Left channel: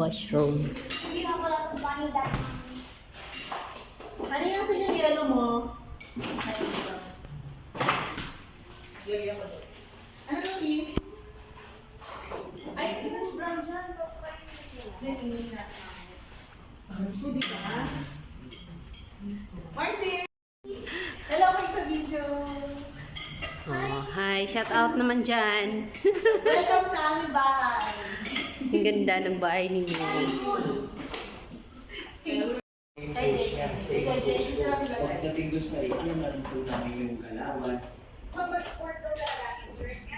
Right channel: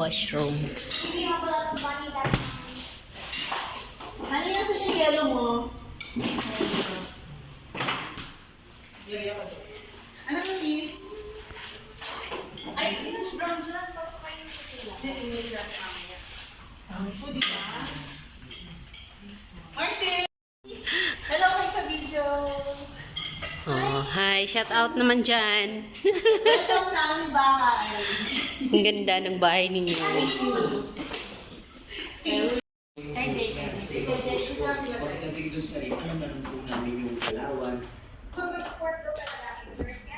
washroom. Hindi nga pala itong bunny dati. Ano yan sa yung yellow mo? Ano to, sis? Ay, pinush brown dyan. Pwede ka? Marcy! Hello kayo sa video! Oh, hi, shout out naman dyan. Welcome sa aming bahay! Ang ganda ng bahay ninyo. Hi, JJ. Pagdating doon sa ano, naroon po namin yung Palawan. Sports daw talaga.